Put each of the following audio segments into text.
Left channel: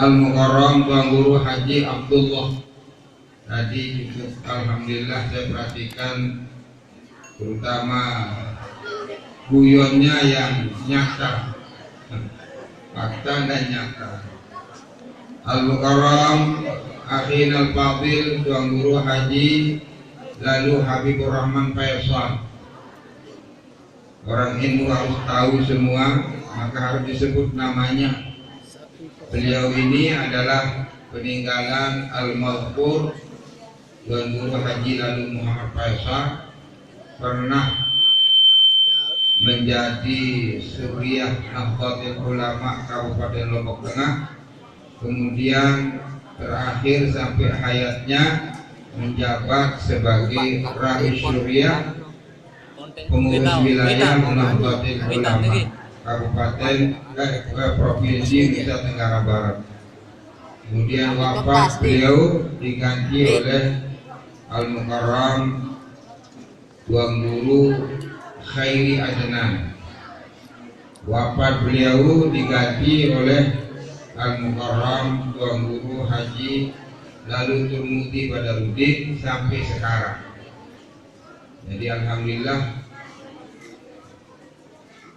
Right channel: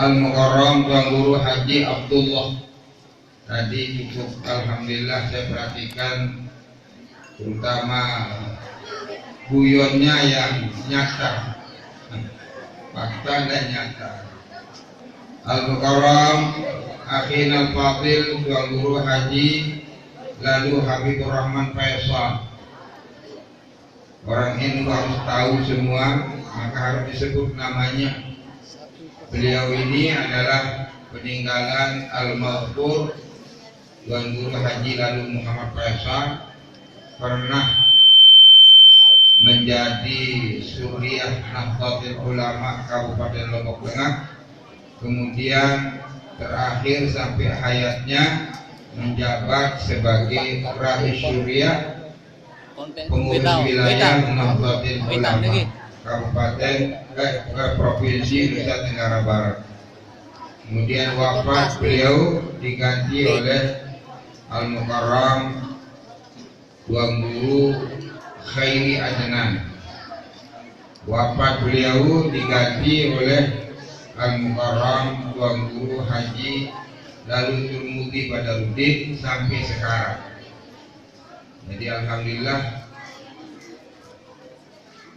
Al-Mukarram Tuan Guru Haji Abdullah. Tadi cukup alhamdulillah saya perhatikan, terutama guyonnya yang nyata, fakta dan nyata. Al-Mukarram Akhin Al-Fadil Tuan Guru Haji lalu Habibur Rahman Faisal. Orang Hindu harus tahu semua, maka harus disebut namanya. Beliau ini adalah peninggalan Al-Maghfur Tuan Guru Haji lalu Muhammad Faisal, pernah menjadi Suriah Nahdlatul Ulama Kabupaten Lombok Tengah, kemudian terakhir sampai hayatnya menjabat sebagai Rais Suriah pengurus wilayah Nahdlatul Ulama Kabupaten Provinsi Nusa Tenggara Barat. Kemudian wafat beliau diganti oleh Al-Mukarram Tuan Guru Khairi Adnan. Wafat beliau diganti oleh Al-Mukarram Tuan Guru Haji lalu Turmuti Badarudin sampai sekarang. Jadi alhamdulillah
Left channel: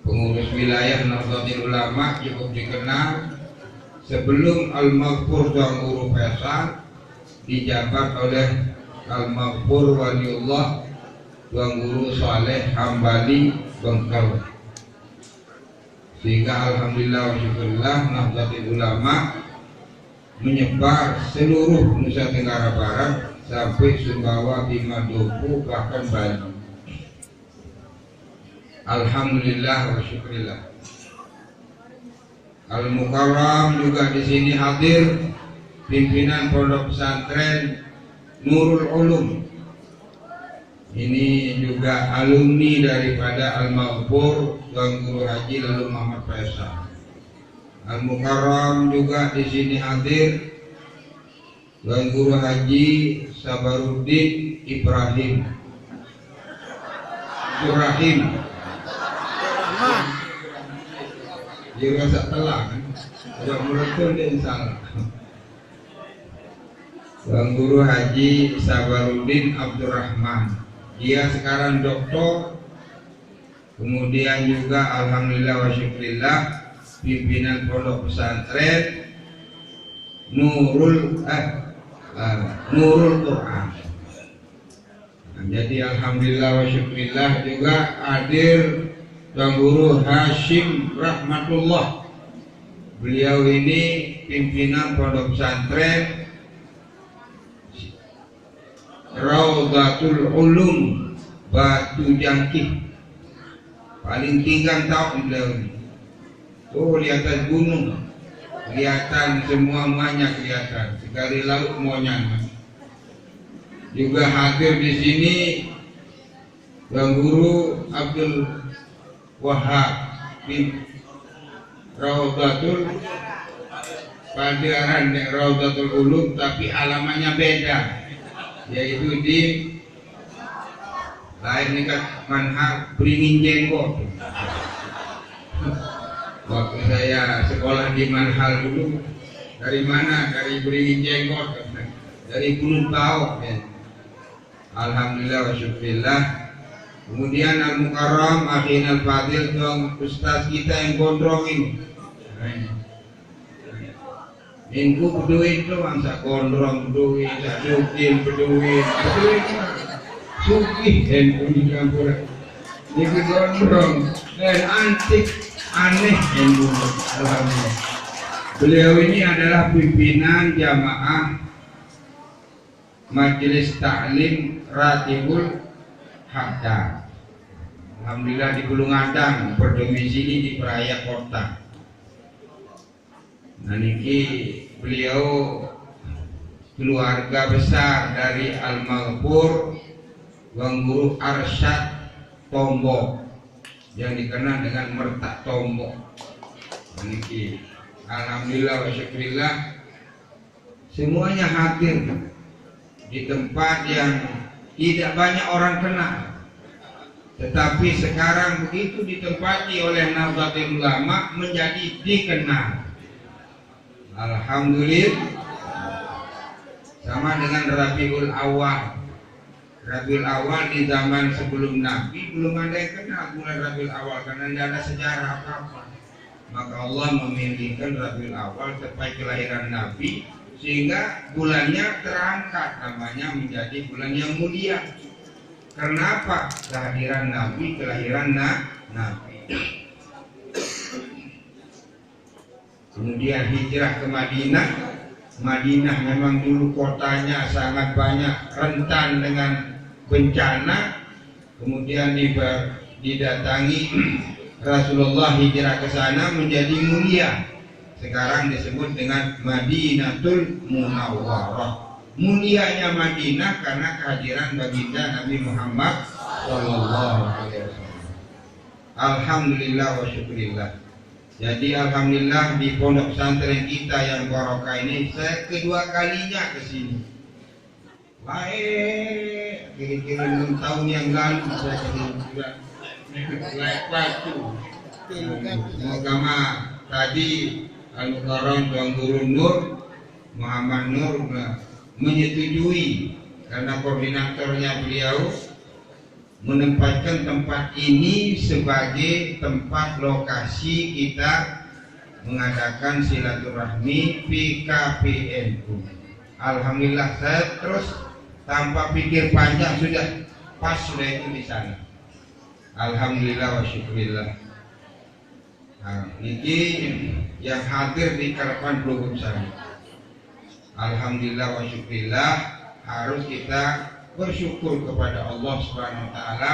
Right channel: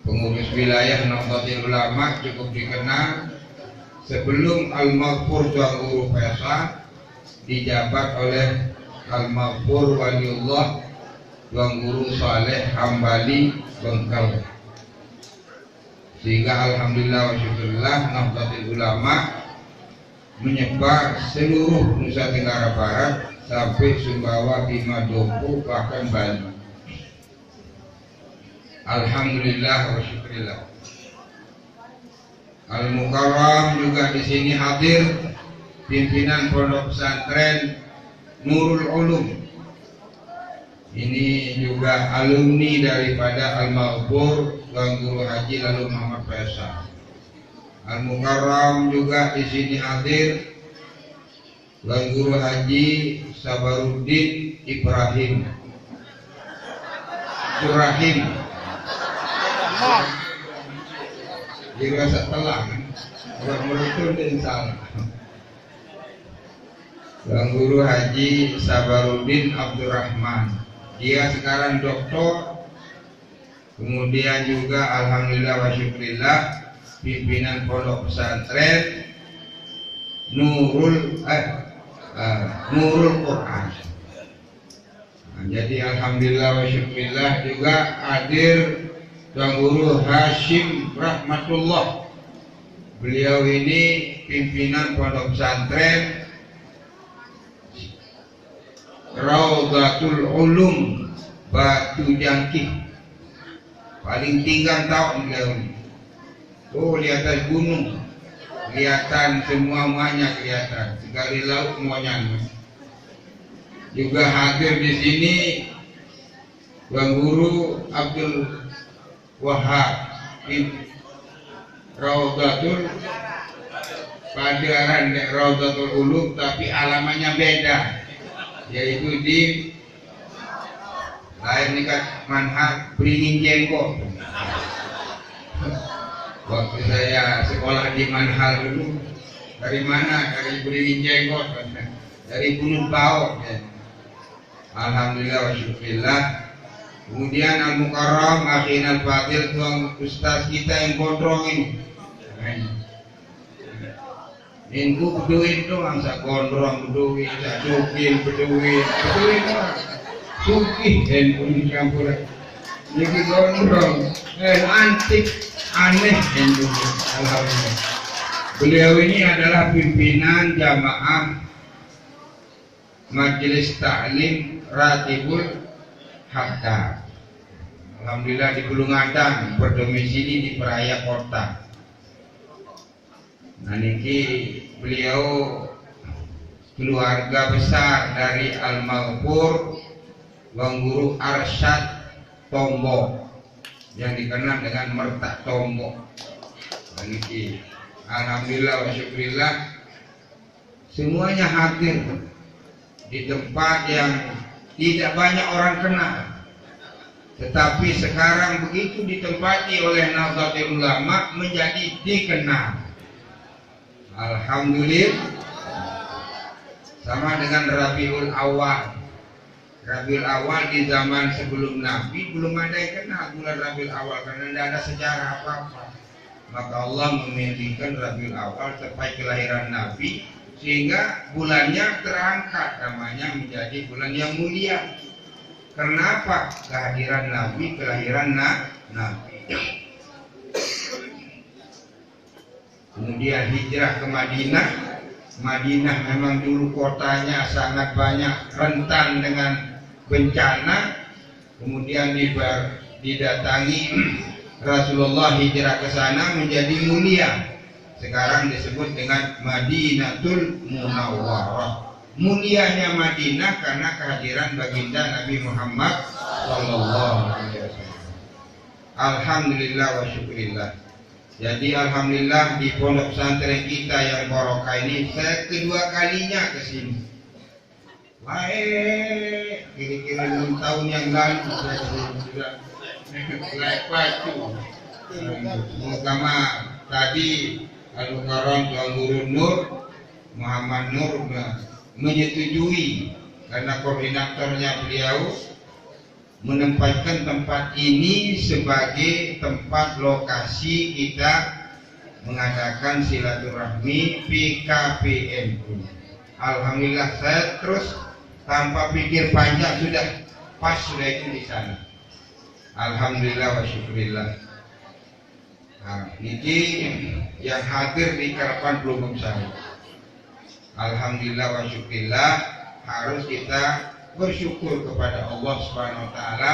pengurus wilayah Nahdlatul Ulama cukup dikenal. Sebelum Al-Maghfur Tuan Guru Faisal dijabat oleh Al-Maghfur Waliullah Tuan Guru Saleh Hambali Bengkel. Sehingga alhamdulillah wa syukurillah Nahdlatul Ulama menyebar seluruh Nusa Tenggara Barat sampai Sumbawa, Bima, Dopu, bahkan Bali. Alhamdulillah wa syukurillah. Al-Mukarram juga di sini hadir pimpinan Pondok Pesantren Nurul Ulum. Ini juga alumni daripada Al-Maghfur Tuan Guru Haji lalu Muhammad Faisal. Al-Mukarram juga di sini hadir Tuan Guru Haji Sabaruddin Ibrahim. Dia rasa telah kan, buat merutul dan salah. Tuan Guru Haji Sabaruddin Abdurrahman, dia sekarang doktor. Kemudian juga alhamdulillah wa syukurillah pimpinan Pondok Pesantren Nurul Quran. Nah, jadi alhamdulillah wa syukurillah juga hadir Tuan Guru Hashim Rahmatullah. Beliau ini pimpinan Pondok Pesantren Raudhatul Ulum Batu Jangkih. Paling tinggal tahun beliau ini. Oh, di atas gunung kelihatan, semuanya kelihatan. Sekali laut semuanya. Juga hadir di sini Tuan Guru Abdul Wahab bin Raudhatul Padaran Raudhatul Ulum, tapi alamannya beda, yaitu di lain dekat Manhal Beringin Jenggot. Waktu saya sekolah di Manhal dulu, dari mana? Dari Beringin Jenggot, dari Gunung Baok ya. Alhamdulillah wa syukurillah. Kemudian Al-Mukarram Akhin Al-Fadil Tuan Ustaz kita yang gondrong ini. Minggu berduit doang, sak gondrong berduit, sak dukin berduit sugih dan bunyi campur. Ini gondrong dan antik aneh dan bunyi. Alhamdulillah. Beliau ini adalah pimpinan jamaah Majelis Ta'lim Ratibul Haddad. Alhamdulillah di Bulungadang, berdomisili di Peraya Kota. Nah niki beliau keluarga besar dari Al-Maghfur Tuan Guru Arsyad Tombok yang dikenal dengan Mertak Tombok. Nah niki alhamdulillah wa syukurillah semuanya hadir di tempat yang tidak banyak orang kenal, tetapi sekarang begitu ditempati oleh Nahdlatul Ulama menjadi dikenal. Alhamdulillah. Sama dengan Rabiul Awal. Rabiul Awal di zaman sebelum Nabi belum ada yang kenal bulan Rabiul Awal karena tidak ada sejarah apa-apa. Maka Allah memilihkan Rabiul Awal sampai kelahiran Nabi sehingga bulannya terangkat namanya menjadi bulan yang mulia. Kenapa? Kehadiran Nabi, kelahiran Nabi. Kemudian hijrah ke Madinah. Madinah memang dulu kotanya sangat banyak rentan dengan bencana. Kemudian didatangi Rasulullah hijrah ke sana menjadi mulia. Sekarang disebut dengan Madinatul Munawwarah. Mulianya Madinah karena kehadiran baginda Nabi Muhammad sallallahu alaihi wasallam. Alhamdulillah wa syukurillah. Jadi alhamdulillah di pondok pesantren kita yang barokah ini saya kedua kalinya ke sini. Kira-kira 6 tahun yang lalu saya sudah lepas itu. Semoga tadi Al-Mukarram Tuan Guru Nur Muhammad Nur menyetujui karena koordinatornya beliau menempatkan tempat ini sebagai tempat lokasi kita mengadakan silaturahmi PKPNU. Alhamdulillah saya terus tanpa pikir panjang sudah itu di sana. Alhamdulillah wa syukurillah. Nah, ini yang hadir di Karapan Pelugum saya. Alhamdulillah wa syukurillah, harus kita bersyukur kepada Allah Subhanahu wa taala.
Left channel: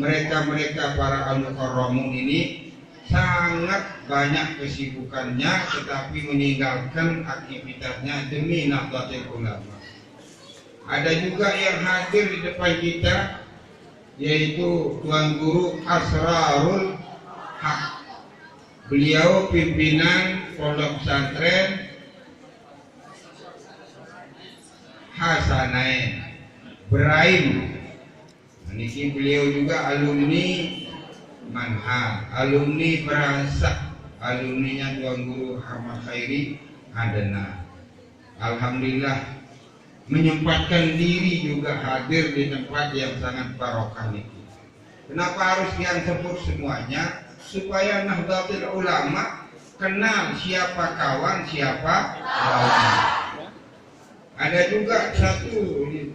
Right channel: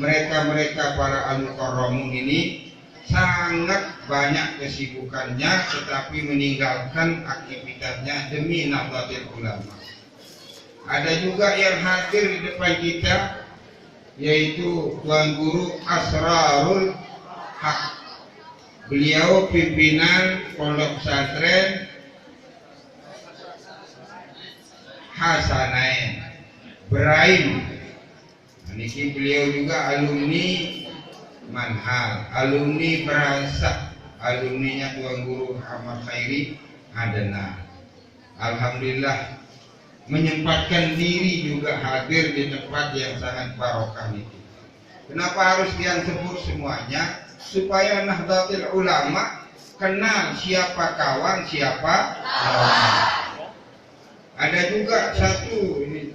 Mereka para al-mukarramun ini sangat banyak kesibukannya tetapi meninggalkan aktivitasnya demi Nahdlatul Ulama. Ada juga yang hadir di depan kita yaitu Tuan Guru Asrarul Haq. Beliau pimpinan Pondok Pesantren Hasanain Beraim. Niki beliau juga alumni Manhal, alumni Beransak, alumninya Tuan Guru Ahmad Khairi Adana. Alhamdulillah menyempatkan diri juga hadir di tempat yang sangat barokah niki. Kenapa harus yang sebut semuanya? Supaya Nahdlatul Ulama kenal siapa kawan, siapa lawan. Ada juga satu ini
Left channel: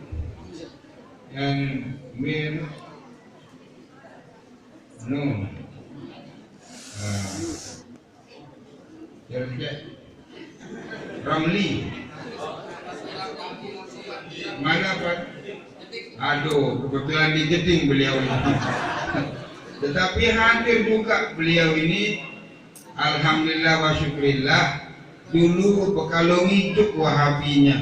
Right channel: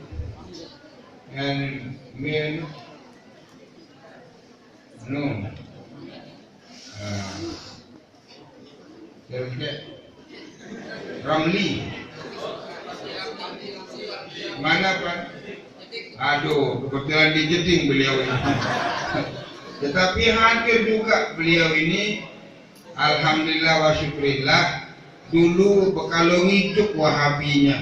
Ramli. Mana Pak? Aduh, kebetulan di Jeding beliau ini. Tetapi hadir juga beliau ini. Alhamdulillah wa syukurillah. Dulu Bekalong hidup Wahabinya.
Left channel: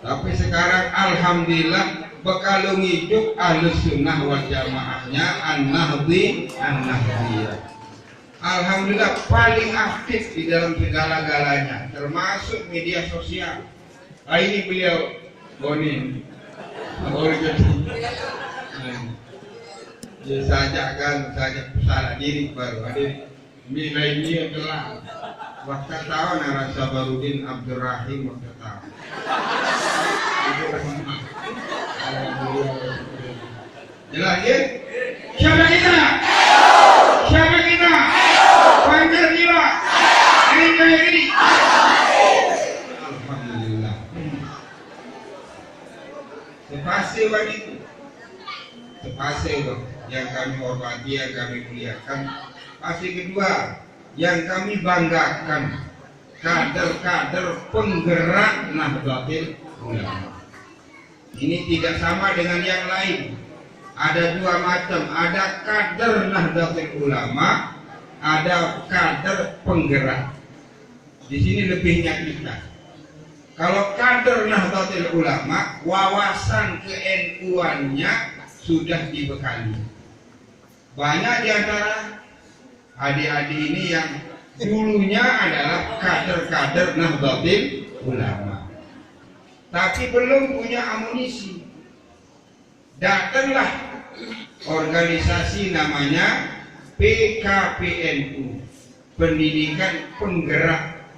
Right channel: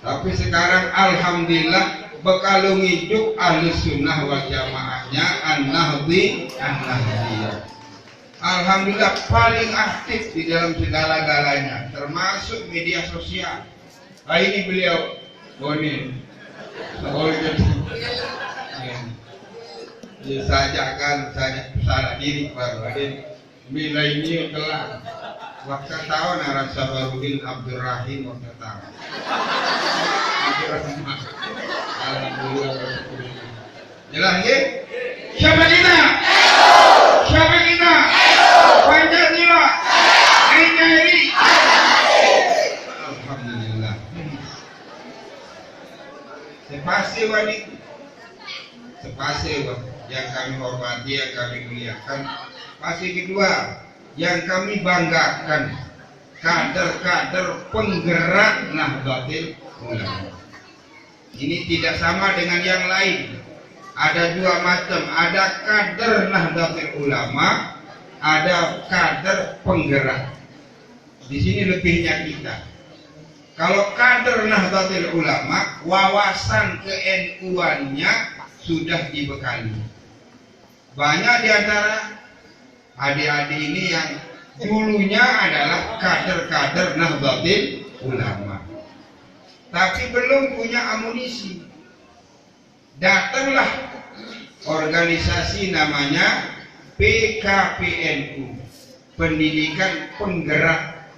Tapi sekarang alhamdulillah Bekalong hidup Ahlus Sunnah wal Jamaahnya An-Nahdiyah. Alhamdulillah paling aktif di dalam segala-galanya, termasuk media sosial. Ini beliau Boni. Dia sajakan salah diri baru ada bila ini telah waktu tahun Arab Sabarudin Abdurrahim waktu tahun. Alhamdulillah. Jelas ya? Siapa kita? Siapa kita? Pancasila. NKRI. Alhamdulillah. Sepase yang kami hormati, yang kami muliakan. Pasti kedua yang kami banggakan, kader-kader penggerak Nahdlatul Ulama. Ini tidak sama dengan yang lain. Ada dua macam, ada kader Nahdlatul Ulama, ada kader penggerak. Di sini lebihnya kita. Kalau kader Nahdlatul Ulama, wawasan ke-NU-annya sudah dibekali. Banyak di antara adik-adik ini yang dulunya adalah kader-kader Nahdlatul Ulama, tapi belum punya amunisi. Datanglah organisasi namanya PKPNU, Pendidikan Penggerak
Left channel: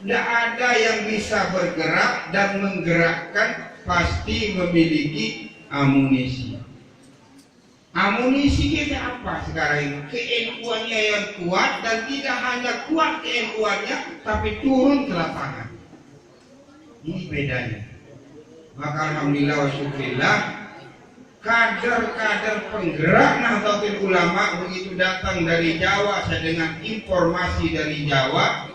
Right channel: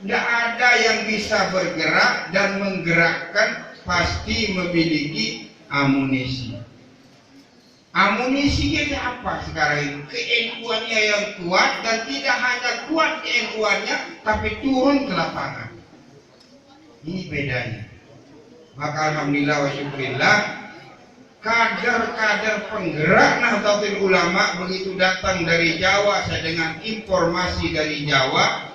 Tidak ada yang bisa bergerak dan menggerakkan, pasti memiliki amunisi. Amunisi itu apa sekarang ini? KNU-nya yang kuat, dan tidak hanya kuat KNU-nya, tapi turun ke lapangan. Ini bedanya. Maka alhamdulillah wa syukurillah, kader-kader penggerak Nahdlatul Ulama begitu datang dari Jawa, saya dengan informasi dari Jawa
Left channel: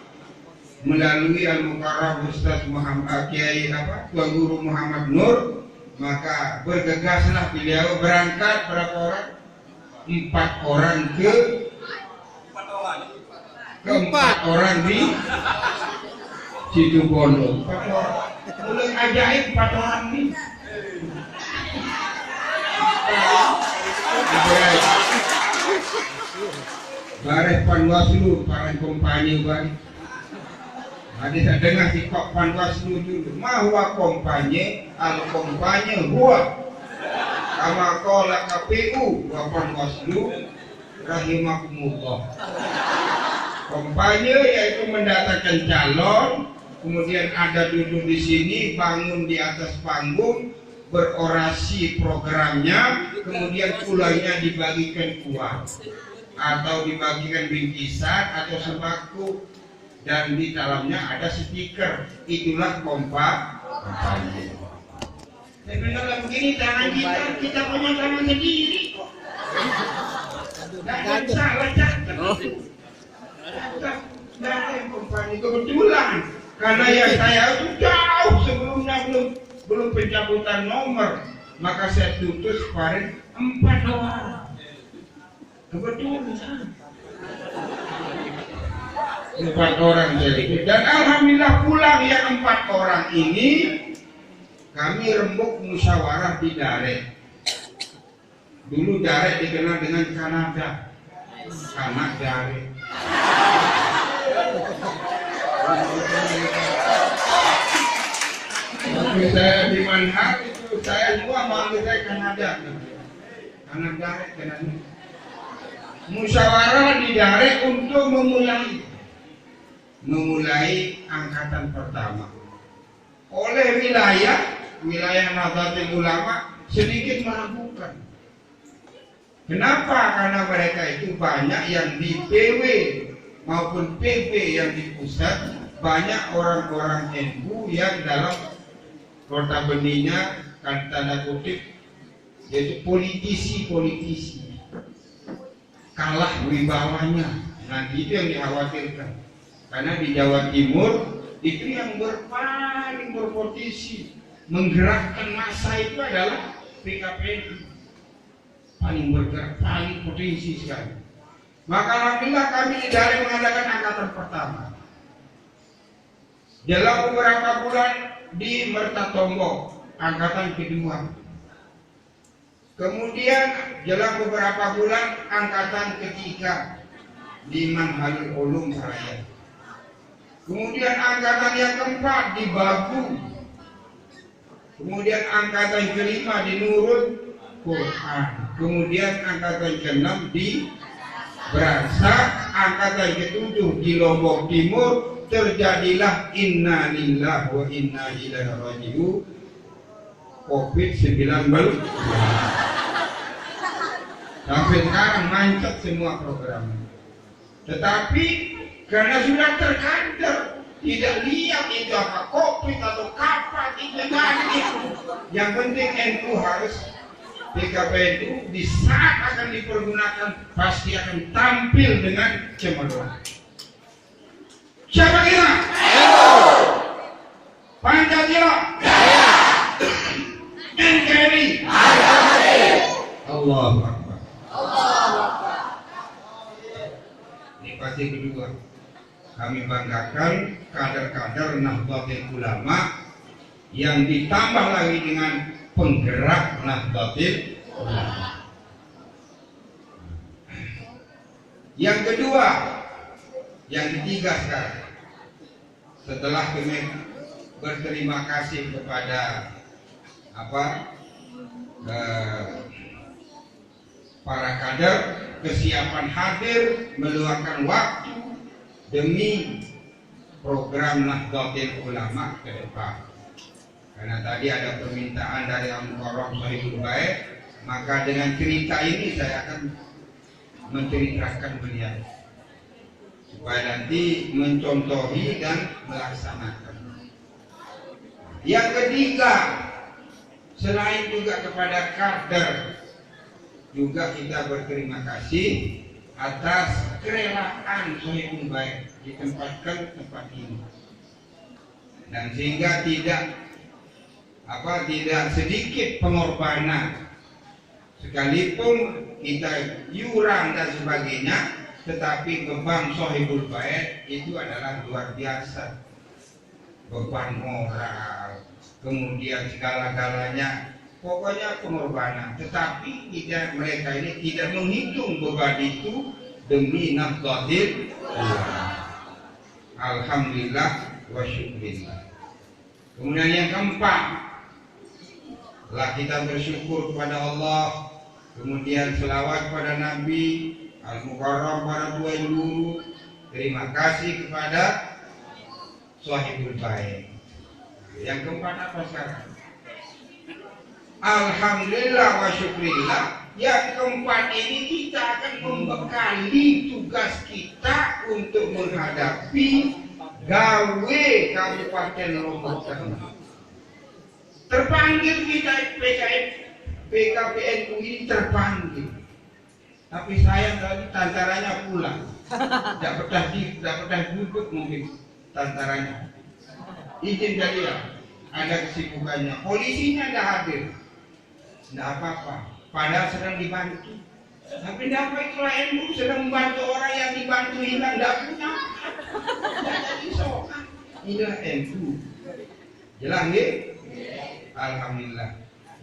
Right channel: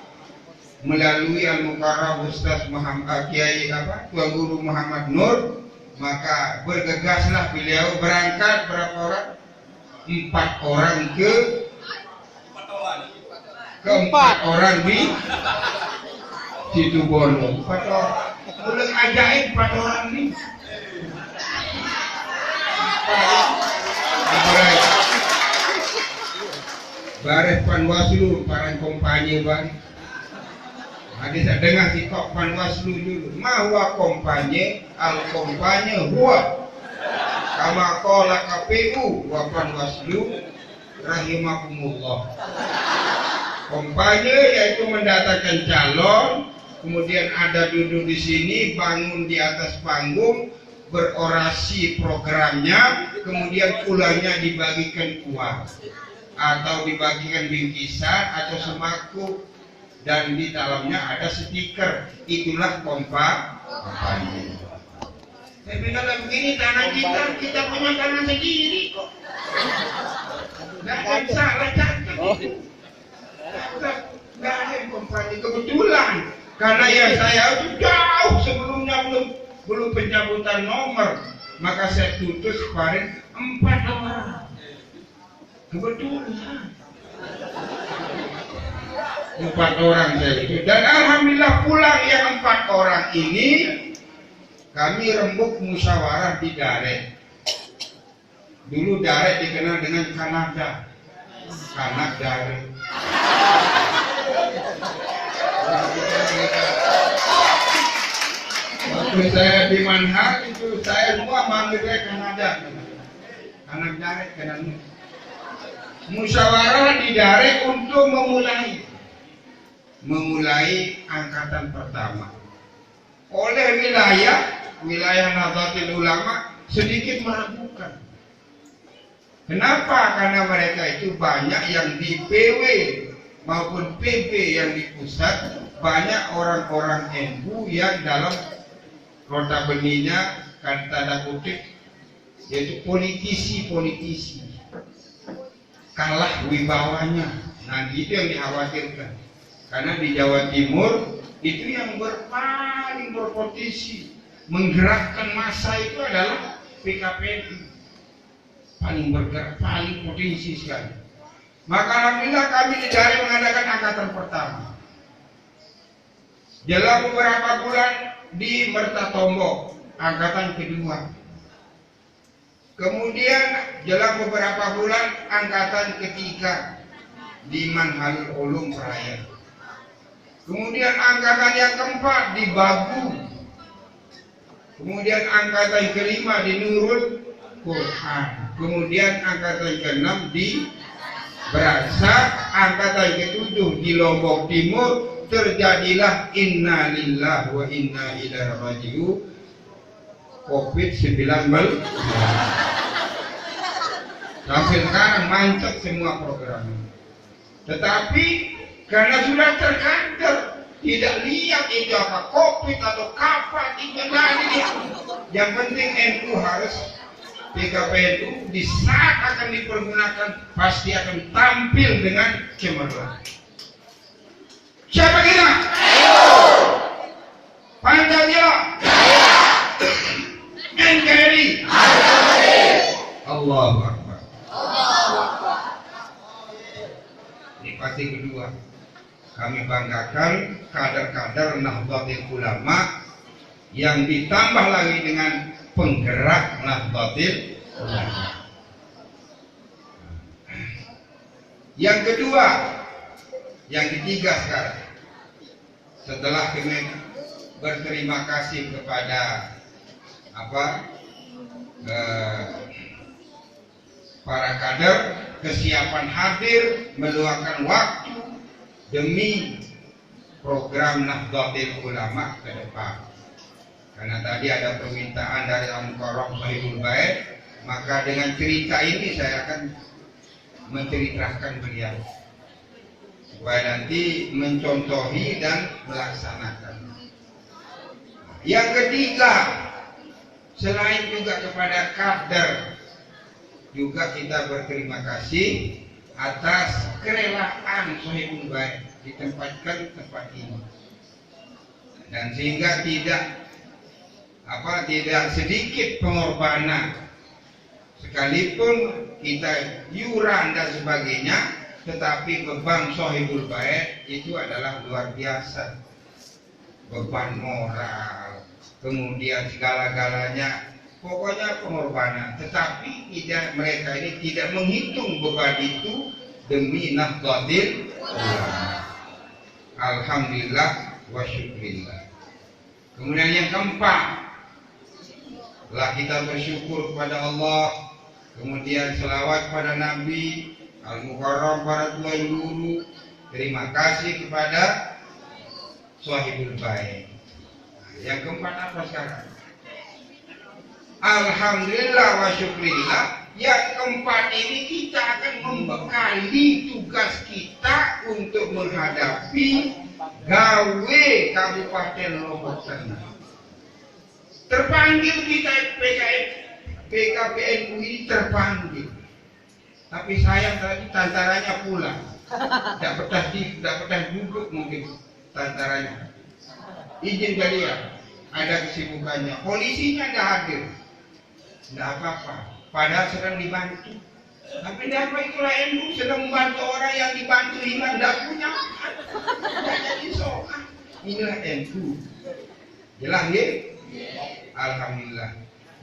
melalui Al-Mukarram Ustaz Muhammad Kiai Tuan Guru Muhammad Nur, maka bergegaslah beliau berangkat berapa orang? 4 orang ke 4 orang di Situbondo. 4 orang. Mulai ajaib 4 orang nih. Baris Panwaslu, para kompanya bang. Ada saya dengar si kok Panwaslu dulu. Mahwa kompanya, al kompanya huwa. Kama qala KPU wa Panwaslu rahimakumullah. Kompanya yaitu mendatangkan calon, kemudian ada duduk di sini, bangun di atas panggung, berorasi programnya, kemudian pulangnya dibagikan uang atau dibagikan bingkisan atau sembako, dan di dalamnya ada stiker. Itulah kampanye. Saya bilang begini, tangan kita punya tangan sendiri kok. Tidak ada salah catat. Tidak ada kampanye kebetulan. Karena ya saya itu jauh sebelumnya belum pencabutan nomor, maka saya tutus kemarin 4 orang. Kebetulan 4 orang saya itu, dan alhamdulillah pulang yang 4 orang ini kami rembuk musyawarah di Daret. Dulu Daret dikenal dengan Kanada, Kanak Daret. Waktu saya di Manhal itu saya semua manggil saya Kanada, Kanak Daret Kanada. Musyawarah di Daret untuk memulai angkatan pertama. Oleh wilayah Nahdlatul Ulama sedikit meragukan. Kenapa? Karena mereka itu banyak yang di PW maupun PP yang di pusat, banyak orang-orang NU yang dalam kota benihnya, kan tanda kutip, yaitu politisi kalah wibawanya. Nah itu yang dikhawatirkan, karena di Jawa Timur itu yang paling berpotensi menggerakkan massa itu adalah PKPNU, paling bergerak, paling potensi sekali. Maka alhamdulillah kami dari mengadakan angkatan pertama. Dalam beberapa bulan di Mertatombo, angkatan kedua. Kemudian dalam beberapa bulan angkatan ketiga di Manhalul Ulum Raya. Kemudian angkatan yang keempat di Bagu. Kemudian angkatan kelima di Nurul Quran. Kemudian angkatan keenam di Berasa. Angkatan ketujuh di Lombok Timur. Terjadilah inna lillahi wa inna ilaihi raji'un, COVID-19. Sampai sekarang mancet semua program. Tetapi karena sudah terkader, tidak lihat itu apa COVID atau kapan itu nanti. Yang penting NU harus, PKPNU di saat akan dipergunakan pasti akan tampil dengan cemerlang. Siapa kita? Pancasila. NKRI. Allahu Akbar. Ini pasti kedua. Kami banggakan kader-kader Nahdlatul Ulama yang ditambah lagi dengan penggerak Nahdlatul Ulama. Yang kedua, yang ketiga sekarang, setelah kami berterima kasih kepada para kader, kesiapan hadir, meluangkan waktu demi program Nahdlatul Ulama ke depan. Karena tadi ada permintaan dari Al-Mukarram Shahibul Bait, maka dengan cerita ini saya akan menceritakan beliau supaya nanti mencontohi dan melaksanakan. Yang ketiga, selain juga kepada kader, juga kita berterima kasih atas kerelaan Shahibul Bait ditempatkan tempat ini, dan sehingga tidak sedikit pengorbanan, sekalipun kita iuran dan sebagainya, tetapi beban Shahibul Bait itu adalah luar biasa. Beban moral, kemudian segala-galanya, pokoknya pengorbanan. Tetapi mereka ini tidak menghitung beban itu demi Nahdlatul Ulama. Alhamdulillah wa syukrillah. Kemudian yang keempat, lah kita bersyukur kepada Allah, kemudian selawat pada Nabi Al-Mukarram, para tuan guru. Terima kasih kepada Shahibul Bait. Yang keempat apa sekarang? Alhamdulillah wa syukrillah. Yang keempat ini kita akan membekali tugas kita untuk menghadapi gawe Kabupaten Lombok Tengah. Terpanggil kita PKPNU ini terpanggil. Tapi saya tadi tantaranya pulang. Tidak betah duduk mungkin tantaranya. Izin kalian, ada kesibukannya. Polisinya tidak hadir. Tidak apa-apa. Padahal sedang dibantu. Tapi apa itulah NU sedang membantu orang yang dibantu hilang, tidak punya. Tidak jadi soal. Inilah NU. Jelas nggih? Alhamdulillah.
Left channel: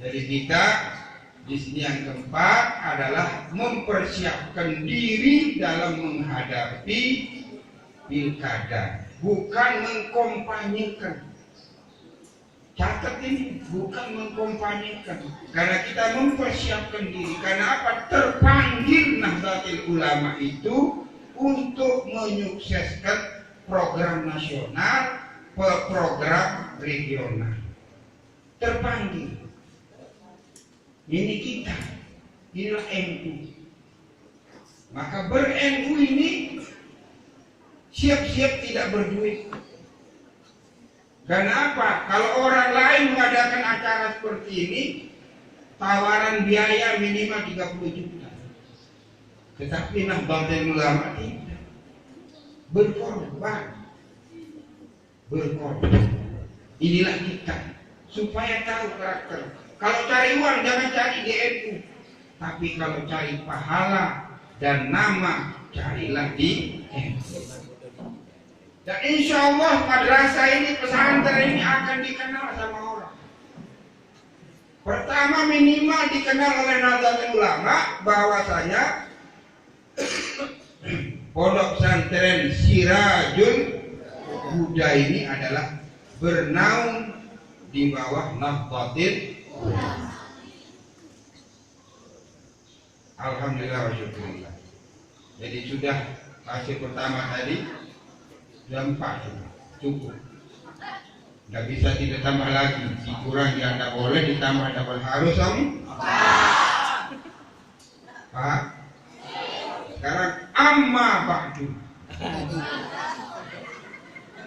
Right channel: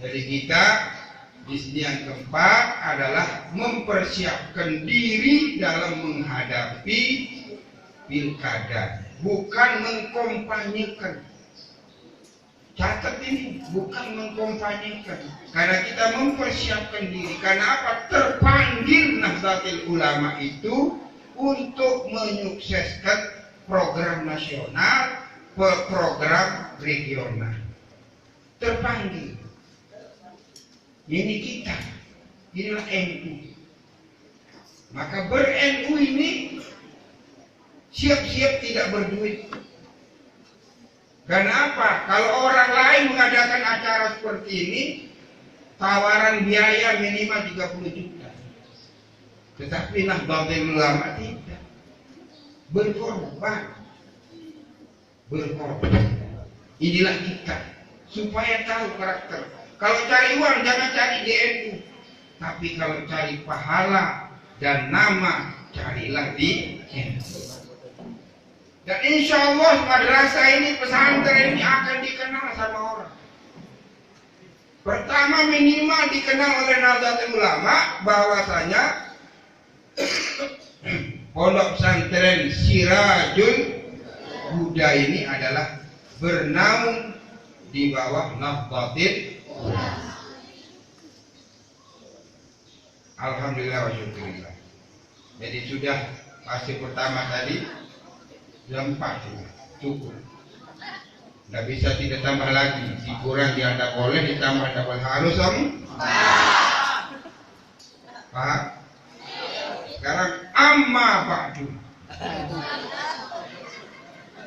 Jadi kita di sini yang keempat adalah mempersiapkan diri dalam menghadapi pilkada, bukan mengkompanyekan. Catat ini, bukan mengkompanyekan. Karena kita mempersiapkan diri. Karena apa? Terpanggil Nahdlatul Ulama itu untuk menyukseskan program nasional, program regional. Terpanggil. Ini kita. Inilah NU. Maka ber-NU ini siap-siap tidak berduit. Karena apa? Kalau orang lain mengadakan acara seperti ini, tawaran biaya minimal 30 juta. Tetapi Nahdlatul Ulama tidak. Berkorban. Inilah kita. Supaya tahu karakter. Kalau cari uang jangan cari di NU. Tapi kalau cari pahala dan nama, carilah di NU. Dan insya Allah madrasah ini, pesantren ini akan dikenal sama orang. Pertama minimal dikenal oleh Nahdlatul Ulama bahwasanya pondok pesantren Sirajul Huda ini adalah bernaung di bawah Nahdlatul Ulama. Alhamdulillah wa syukurillah. Jadi sudah fase pertama tadi. Jam 4 cukup. Tidak bisa tidak tambah lagi. Dikurang tidak boleh, ditambah tidak boleh. Harus Om? Pak. Sekarang amma ba'du.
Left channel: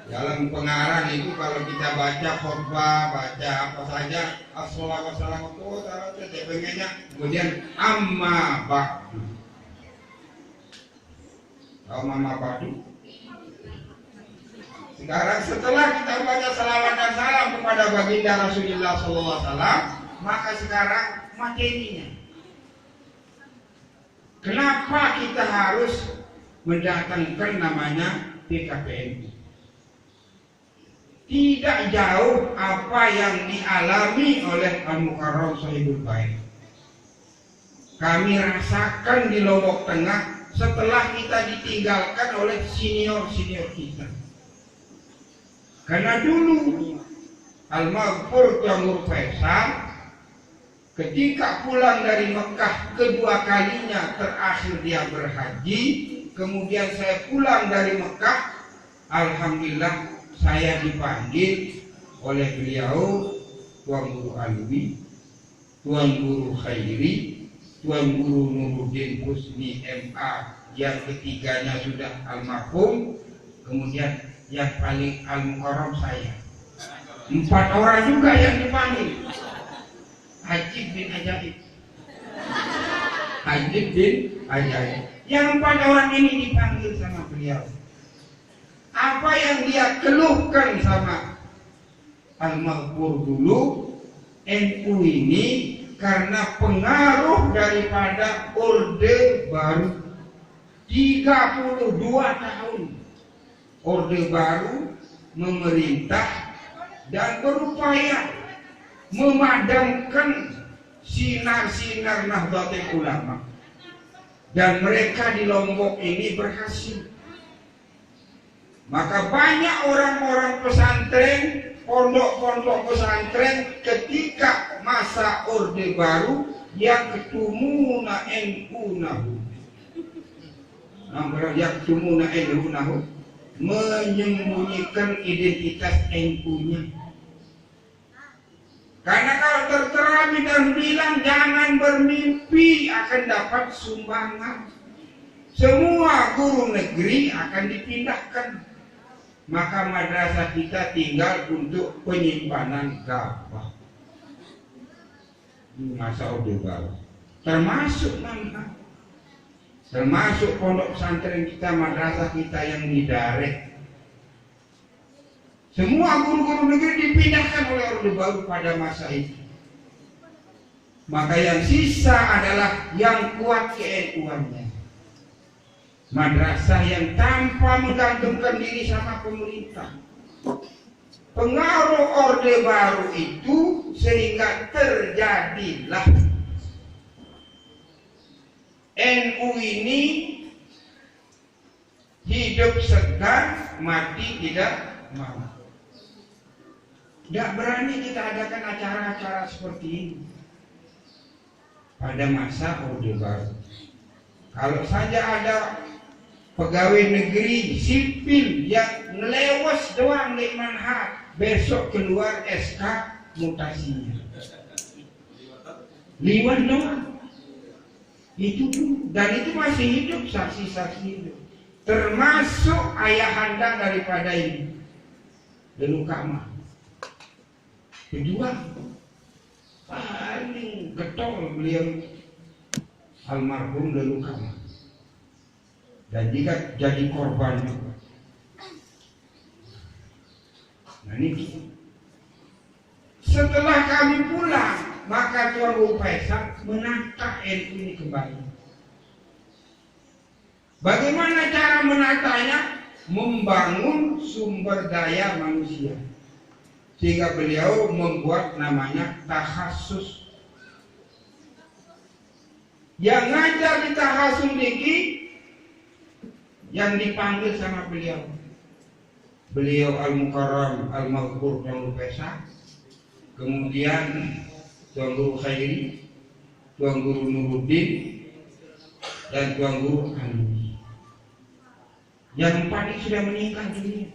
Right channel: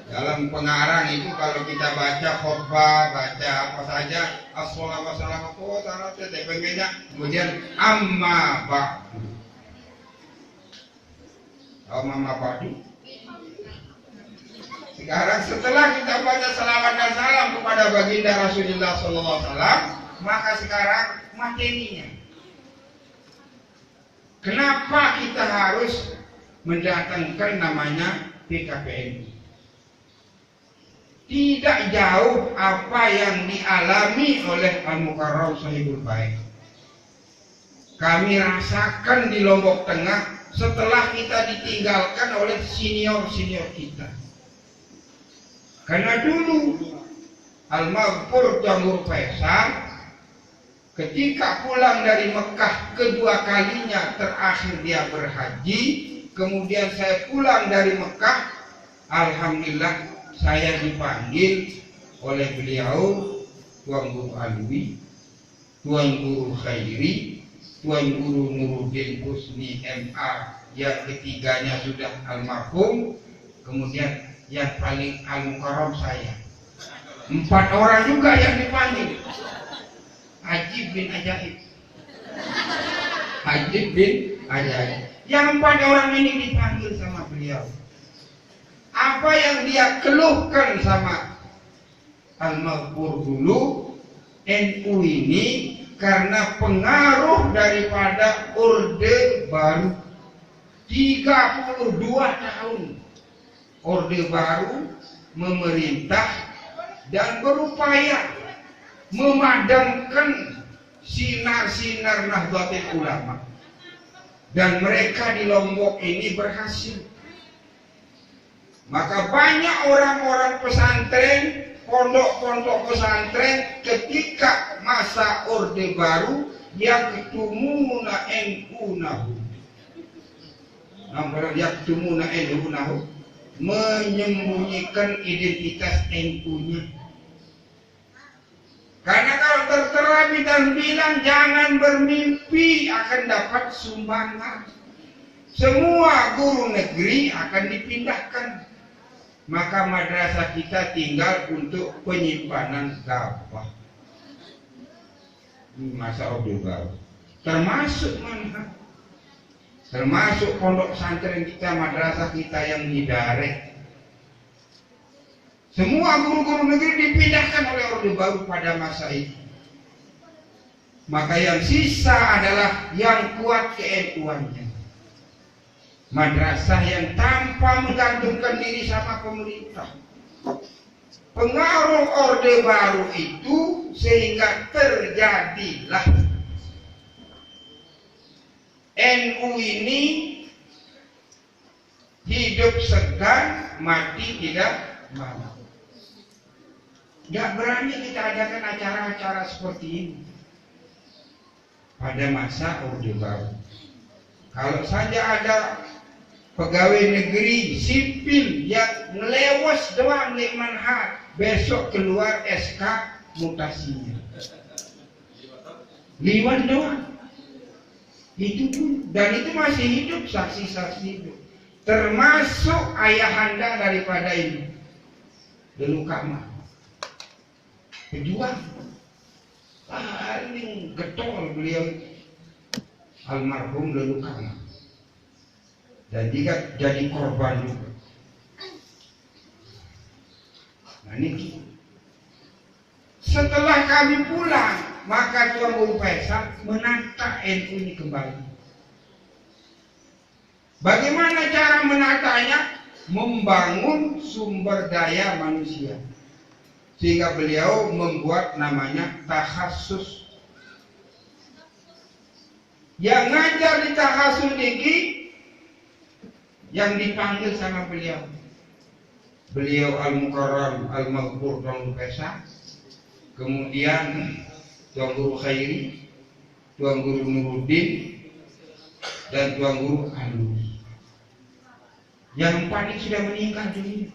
Dalam pengarang itu kalau kita baca khutbah, baca apa saja, assalamualaikum warahmatullahi wabarakatuh, kemudian amma ba'du. Amma ba'du. Sekarang setelah kita baca salawat dan salam kepada baginda Rasulullah SAW, maka sekarang materinya. Kenapa kita harus mendatangkan namanya PKPNU? Tidak jauh apa yang dialami oleh Al-Mukarram Shahibul Bait. Kami rasakan di Lombok Tengah setelah kita ditinggalkan oleh senior-senior kita. Karena dulu Al-Maghfur Jamhur Faisal ketika pulang dari Mekah kedua kalinya terakhir dia berhaji, kemudian saya pulang dari Mekah Alhamdulillah saya dipanggil oleh beliau Tuan Guru Alwi, Tuan Guru Khairi, Tuan Guru Nuruddin Husni MA yang ketiganya sudah almarhum, kemudian yang paling al-mukarram saya. 4 orang juga yang dipanggil. Ajib bin Ajaib. Ajib bin Ajaib. Yang 4 orang ini dipanggil sama beliau. Apa yang dia keluhkan sama Al-Maghfur dulu, NU ini karena pengaruh daripada Orde Baru 32 tahun Orde Baru memerintah dan berupaya memadamkan sinar-sinar Nahdlatul Ulama, dan mereka di Lombok ini berhasil. Maka banyak orang-orang pesantren, pondok-pondok pesantren ketika masa Orde Baru yang ketumuna NU nahu, menyembunyikan identitas NU-nya. Karena kalau tertera dan bilang jangan bermimpi akan dapat sumbangan, semua guru negeri akan dipindahkan. Maka madrasah kita tinggal untuk penyimpanan gabah di masa Orde Baru, termasuk mana? Termasuk pondok pesantren kita, madrasah kita yang didarek. Semua guru-guru negeri dipindahkan oleh Orde Baru pada masa itu. Maka yang sisa adalah yang kuat ke-NU-annya. Madrasah yang tanpa menggantungkan diri sama pemerintah. Pengaruh Orde Baru itu sehingga terjadilah NU ini hidup segan, mati tidak mau. Tidak berani kita adakan acara-acara seperti ini pada masa Orde Baru. Kalau saja ada pegawai negeri sipil yang ngelewas doang di manhat, besok keluar SK mutasinya. Liwat doang. Itu pun, dan itu masih hidup, saksi-saksi hidup. Termasuk ayahanda daripada ini, Leluh Kamah, pejuang paling getol beliau, almarhum Leluh Kamah. Dan jika jadi korban juga. Nah ini setelah kami pulang, maka Tuan Guru Faisal menata NU ini kembali. Bagaimana cara menatanya? Membangun sumber daya manusia. Sehingga beliau membuat namanya tahassus. Yang ngajar di tahassus ini yang dipanggil sama beliau. Beliau Al-Mukarram Al-Maghfur Tuan Guru Faisal. Kemudian Tuan Guru Khairi, Tuan Guru Nuruddin, dan Tuan Guru Alwi. Yang 4 ini sudah meninggal dunia,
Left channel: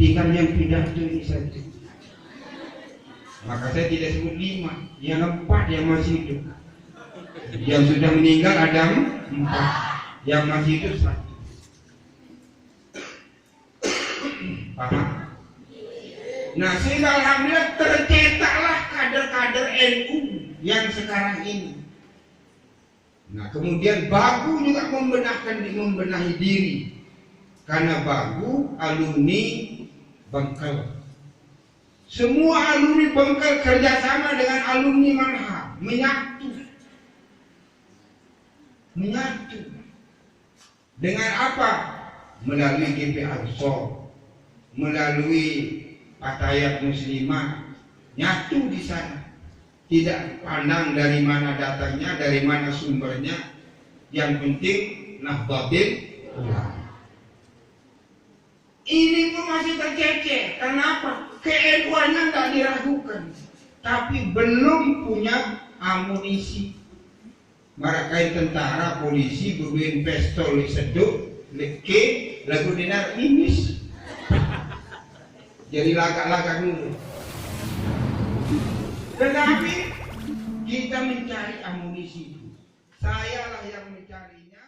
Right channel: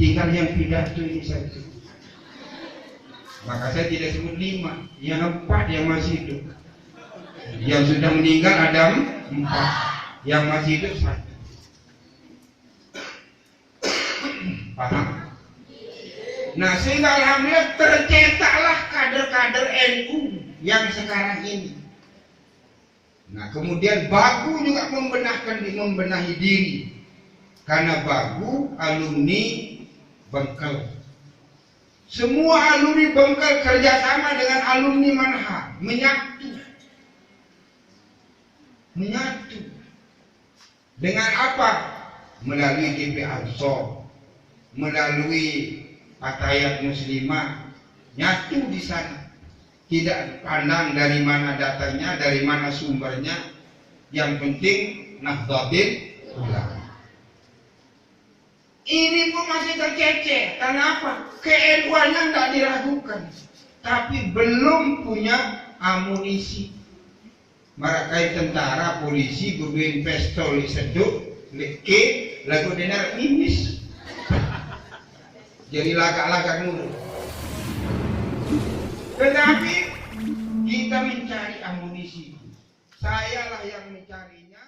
tinggal yang pidato ini saja. Maka saya tidak sebut 5, yang 4 yang masih hidup. Yang sudah meninggal ada 4, yang masih hidup 1. Paham? Nah, sehingga alhamdulillah tercetaklah kader-kader NU yang sekarang ini. Nah, kemudian Bagu juga membenahi diri. Karena Bagu alumni Bengkel. Semua alumni Bengkel kerjasama dengan alumni Manha, menyatu. Dengan apa? Melalui GP Ansor, melalui Fatayat Muslimah, nyatu di sana. Tidak pandang dari mana datanya, dari mana sumbernya. Yang penting Nahdlatul Ulama. Ini pun masih tercecer. Kenapa? KNU-nya tidak diragukan, tapi belum punya amunisi. Marakai tentara, polisi, bermain pistol, seduk, leke, lagu denar mimis. Jadi lagak-lagak dulu. Tetapi kita mencari amunisi. Sayalah yang mencarinya.